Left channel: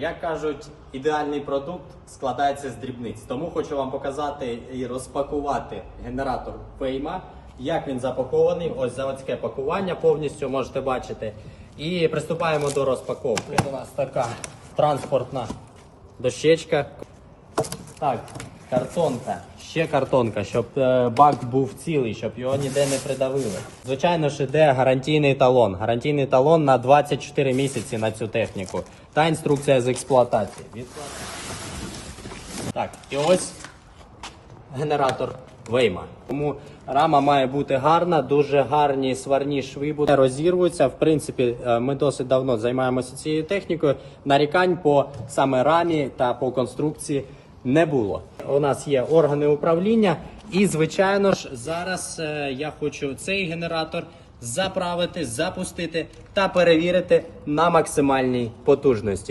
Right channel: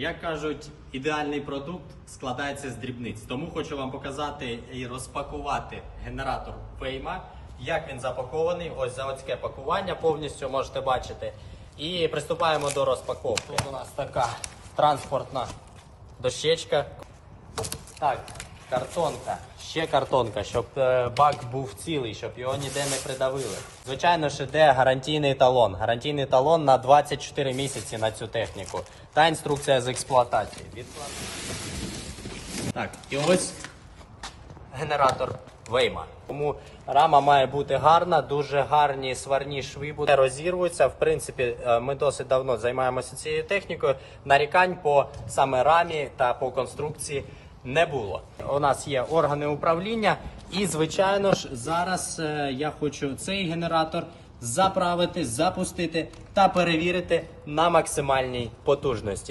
Як кажуть, ідеальний продукт складається з дрібниць. Тому хочу вам показати і розпакувати генератор Фейма, як він запакований. Ось заводське пакування повністю можете бачити. І приступаємо до розпаковки. У нас така транспортна дощечка. Так, картонка, ще картонка, щоб е, бак був цілий, щоб його ніде не придавило. Звичайно ж, іде гарантійний талон. Гарантійний талон на 24 місяці на цю техніку. Та інструкція з експлуатації. Так, і ось генератор Вейма. Тому рама має бути гарна, дуже гарні сварні шви будуть розірвуються. В принципі, е, ми досить давно займаємося цією технікою. Нарікань по саме рамі та по конструкції не було. У нас є органи управління, і звичайно ж, зараз е, я хочу цей генератор заправити, запустити та перевірити на максимальній потужності.